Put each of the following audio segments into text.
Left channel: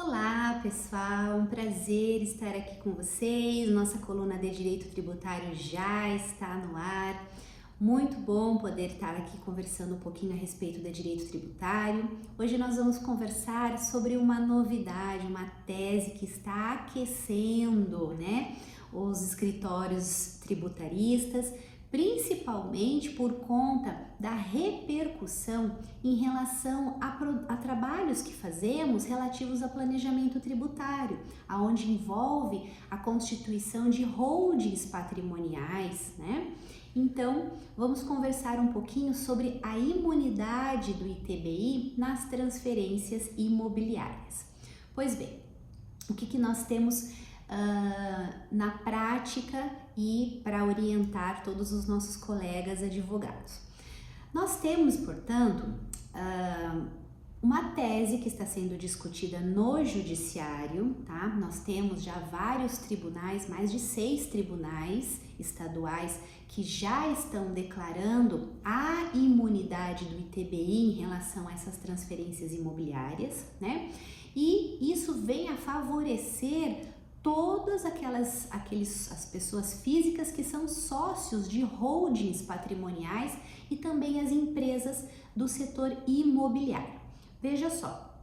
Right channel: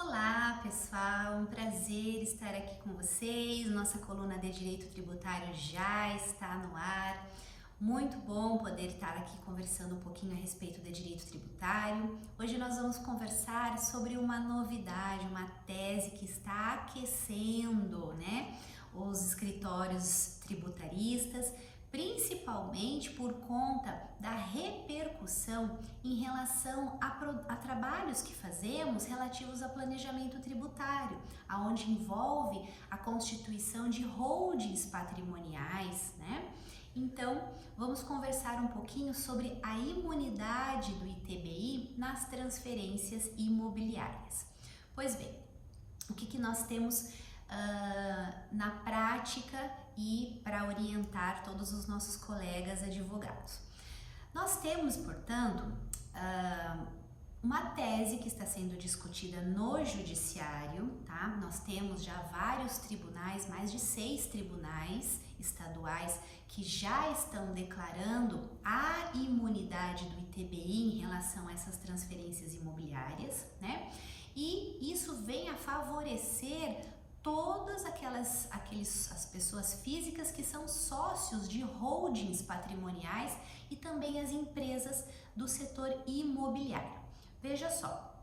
Olá, pessoal, um prazer estar aqui com vocês. Nossa coluna de Direito Tributário já está no ar. Muito bom poder estar aqui conversando um pouquinho a respeito de direito tributário. Hoje nós vamos conversar sobre uma novidade, uma tese que está aquecendo, os escritórios tributaristas, principalmente por conta da repercussão em relação a trabalhos que fazemos relativos a planejamento tributário, aonde envolve a constituição de holdings patrimoniais, Então, vamos conversar um pouquinho sobre a imunidade do ITBI nas transferências imobiliárias. Pois bem, o que nós temos na prática e para orientar todos os nossos colegas advogados? Nós temos, portanto, uma tese que está sendo discutida no judiciário, tá? Nós temos já vários tribunais, mais de 6 tribunais estaduais que já estão declarando a imunidade do ITBI em relação a essas transferências imobiliárias, E isso vem a favorecer todas as pessoas físicas que são sócios de holdings patrimoniais e também as empresas do setor imobiliário. Veja só,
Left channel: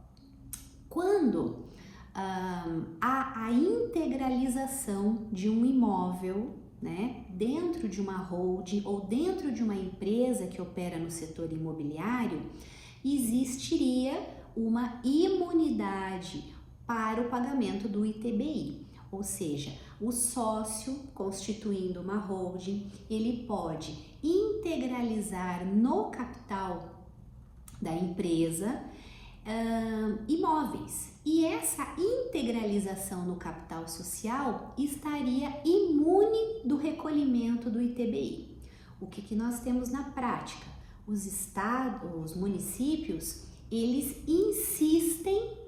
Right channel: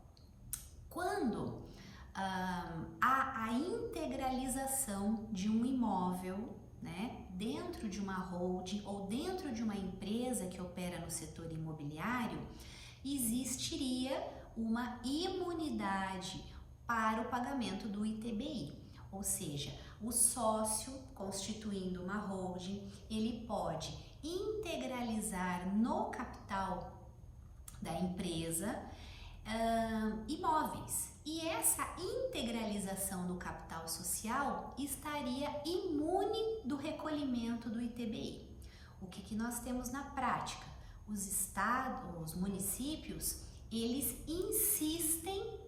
quando há a integralização de um imóvel, dentro de uma holding ou dentro de uma empresa que opera no setor imobiliário, existiria uma imunidade para o pagamento do ITBI. Ou seja, o sócio constituindo uma holding, ele pode integralizar no capital da empresa imóveis. E essa integralização no capital social estaria imune do recolhimento do ITBI. O que nós temos na prática? Os estados, os municípios, eles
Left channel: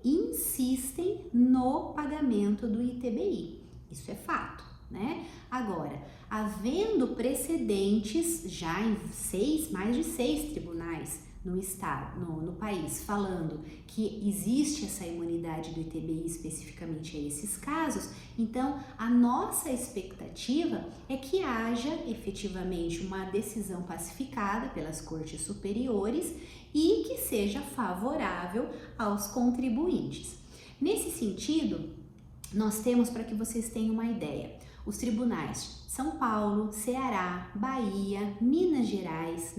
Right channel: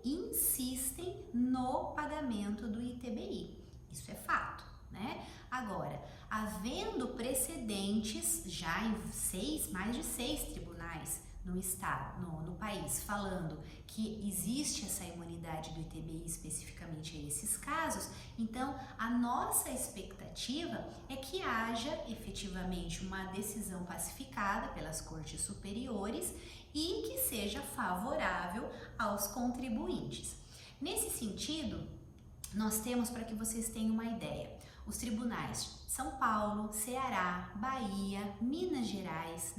insistem no pagamento do ITBI. Isso é fato, Agora, havendo precedentes já em mais de 6 tribunais no estado, no país, falando que existe essa imunidade do ITBI especificamente a esses casos, então a nossa expectativa é que haja efetivamente uma decisão pacificada pelas cortes superiores e que seja favorável aos contribuintes. Nesse sentido, nós temos, para que vocês tenham uma ideia, os tribunais São Paulo, Ceará, Bahia, Minas Gerais,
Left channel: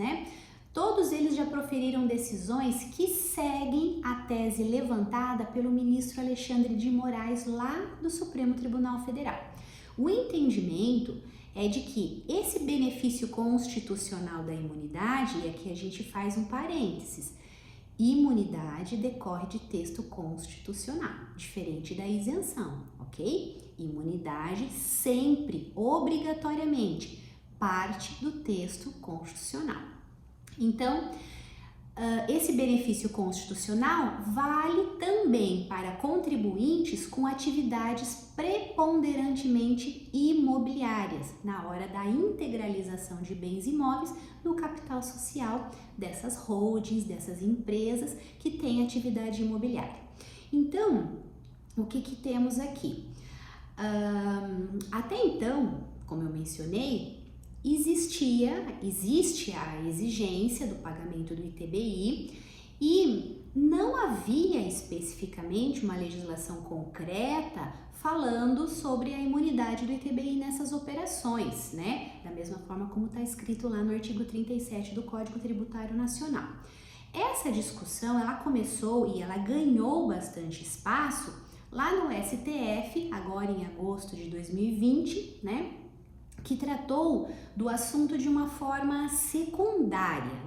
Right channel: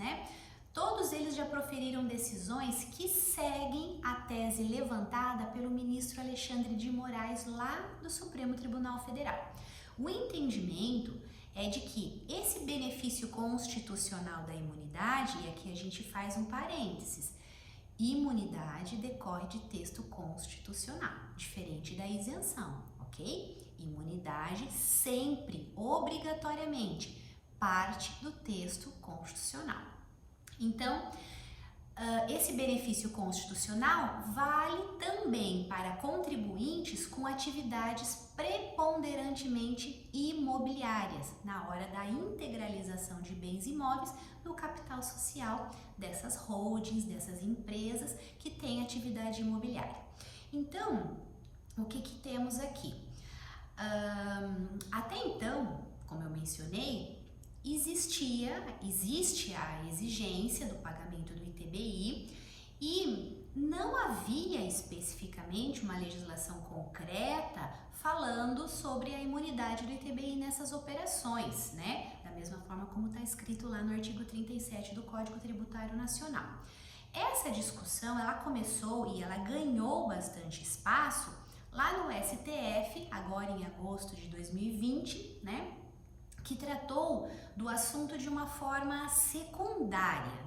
Todos eles já proferiram decisões que seguem a tese levantada pelo ministro Alexandre de Moraes lá do Supremo Tribunal Federal. O entendimento é de que esse benefício constitucional da imunidade, e aqui a gente faz um parênteses, imunidade decorre de texto constitucional, diferente da isenção, ok? Imunidade sempre, obrigatoriamente, parte do texto constitucional. Então, esse benefício constitucional vale também para contribuintes com atividades preponderantemente imobiliárias, na hora da integralização de bens imóveis no capital social dessas holdings, dessas empresas que têm atividade imobiliária. Então, o que temos aqui? Até então, como eu mencionei, existe a exigência do pagamento do ITBI e não havia especificamente uma legislação concreta falando sobre a imunidade do ITBI nessas operações, Da mesma forma como está escrito lá no artigo 37 do Código Tributário Nacional. Essa discussão, ela começou e ela ganhou bastante espaço lá no STF, agora em agosto de 2020, que tratou do assunto de uma forma secundária,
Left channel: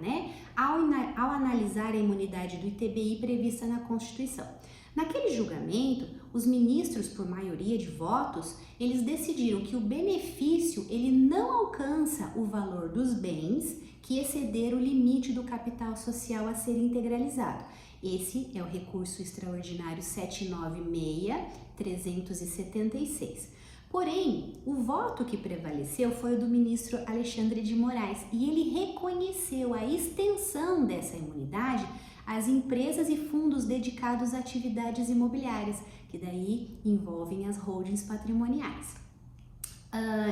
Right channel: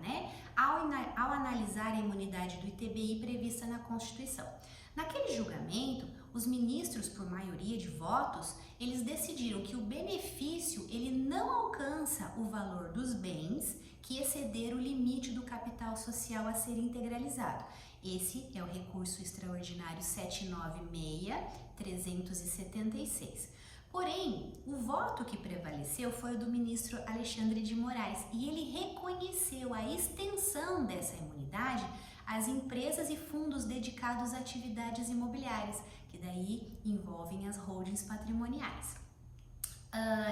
ao analisar a imunidade do ITBI prevista na Constituição. Naquele julgamento, os ministros, por maioria de votos, eles decidiram que o benefício ele não alcança o valor dos bens que exceder o limite do capital social a ser integralizado. Esse é o recurso extraordinário 796-376. Porém, o voto que prevaleceu foi o do ministro Alexandre de Moraes e ele reconheceu a extensão dessa imunidade as empresas e fundos dedicados a atividades imobiliárias, que daí envolvem as holdings patrimoniais.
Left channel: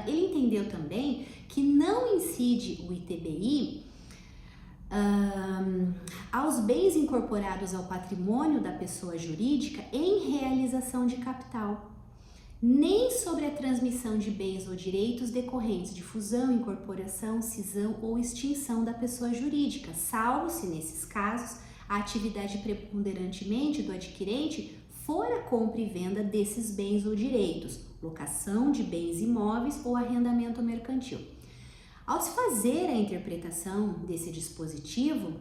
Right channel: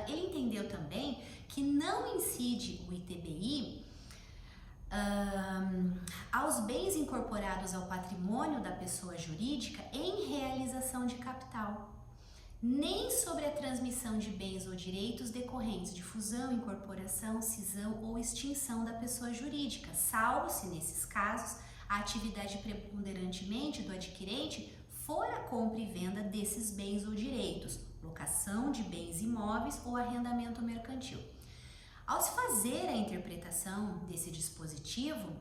Ele entendeu também que não incide o ITBI aos bens incorporados ao patrimônio da pessoa jurídica em realização de capital, nem sobre a transmissão de bens ou direitos decorrentes de fusão, incorporação, cisão ou extinção da pessoa jurídica, salvo se nesses casos a atividade preponderantemente do adquirente for a compra e venda desses bens ou direitos, locação de bens imóveis ou arrendamento mercantil. Ao se fazer a interpretação desse dispositivo,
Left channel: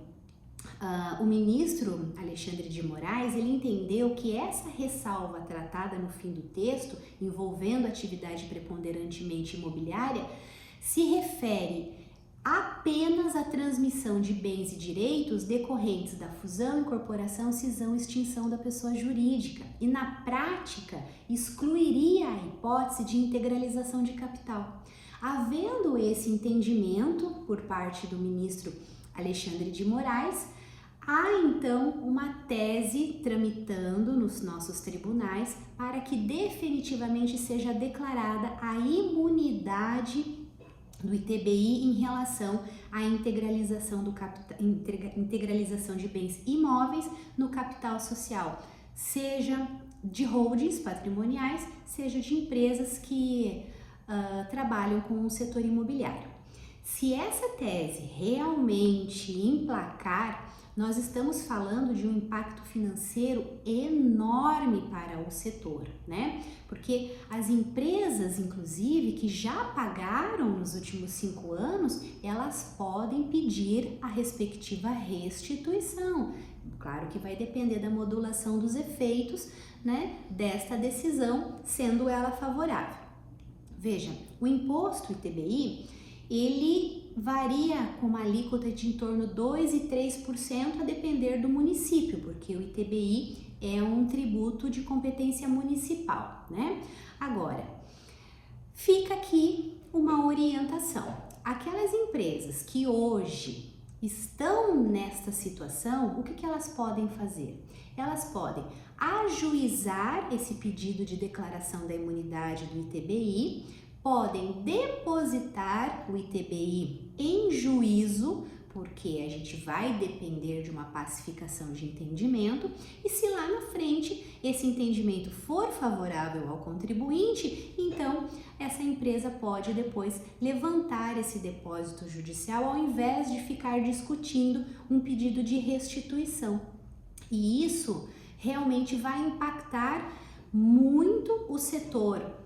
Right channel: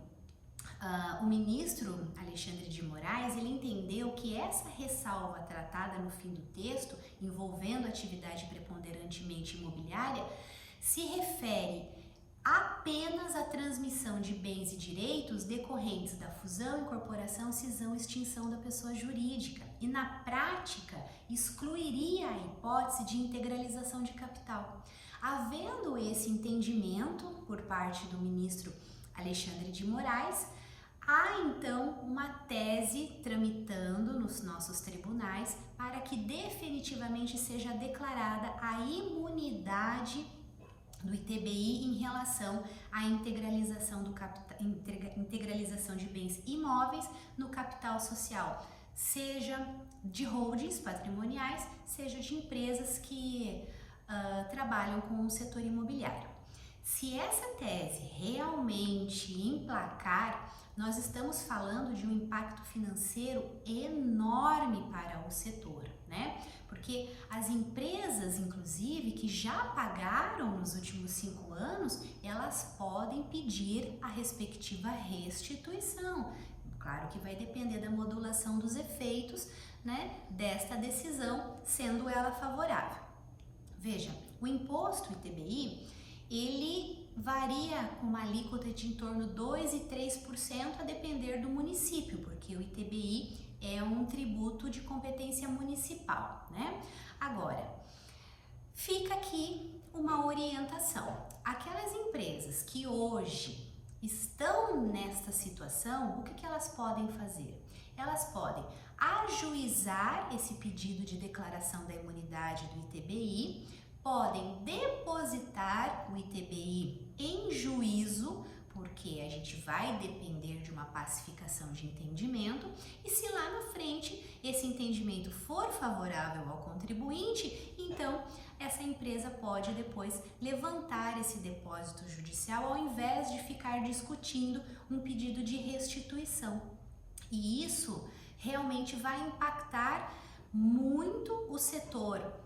o ministro Alexandre de Moraes, ele entendeu que essa ressalva tratada no fim do texto, envolvendo atividade preponderantemente imobiliária, se refere apenas à transmissão de bens e direitos decorrentes da fusão, incorporação, cisão e extinção da pessoa jurídica e, na prática, excluiria a hipótese de integralização de capital. Havendo esse entendimento por parte do ministro Alexandre de Moraes, há então uma tese tramitando nos nossos tribunais para que definitivamente seja declarada a imunidade do ITBI em relação à integralização integralização de bens imóveis no capital social, seja de holdings patrimoniais, seja de empresas que trabalham com o setor imobiliário. Se essa tese realmente emplacar, nós estamos falando de um impacto financeiro enorme para o setor, né? Porque as empresas, inclusive, que já pagaram nos últimos 5 anos, elas podem pedir a respectiva restituição. Claro que vai depender da modulação dos efeitos, né, desta decisão, sendo ela favorável. Veja, o imposto ITBI, ele varia com uma alíquota de em torno de 2% e 3% a depender do município, porque o ITBI é um tributo de competência municipal, né? Agora, fica aqui uma orientação. Aquelas empresas que hoje estão nesta situação, o que elas podem fazer? Elas podem ajuizar esse pedido de declaração da imunidade do ITBI, podem depositar o ITBI em juízo, porque a gente vai depender de uma pacificação de entendimento, e se lá na frente esse entendimento for favorável ao contribuinte, então essa empresa pode depois levantar esse depósito judicial ao invés de ficar discutindo um pedido de restituição. E isso realmente vai impactar muito o setor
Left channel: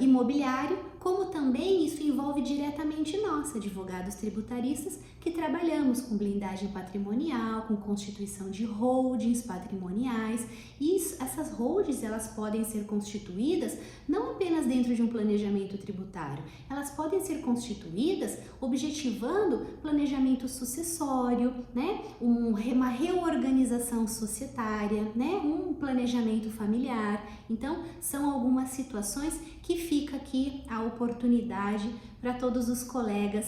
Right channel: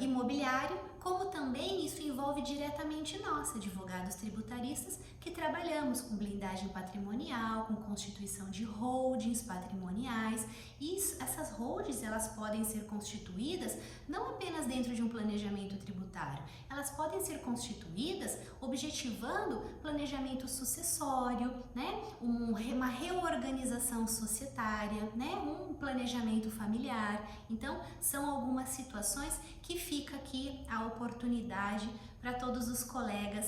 imobiliário, como também isso envolve diretamente nós, advogados tributaristas, que trabalhamos com blindagem patrimonial, com constituição de holdings patrimoniais. E essas holdings, elas podem ser constituídas não apenas dentro de um planejamento tributário, elas podem ser constituídas objetivando planejamento sucessório, né? Uma reorganização societária, né? Um planejamento familiar. Então, são algumas situações que fica aqui a oportunidade para todos os colegas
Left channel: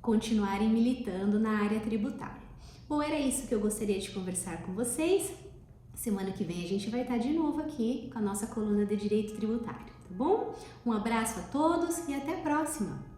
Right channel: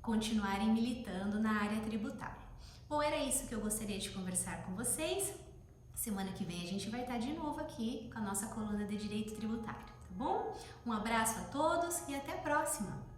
continuarem militando na área tributária. Bom, era isso que eu gostaria de conversar com vocês. Semana que vem a gente vai estar de novo aqui com a nossa coluna de Direito Tributário, tá bom? Um abraço a todos e até a próxima!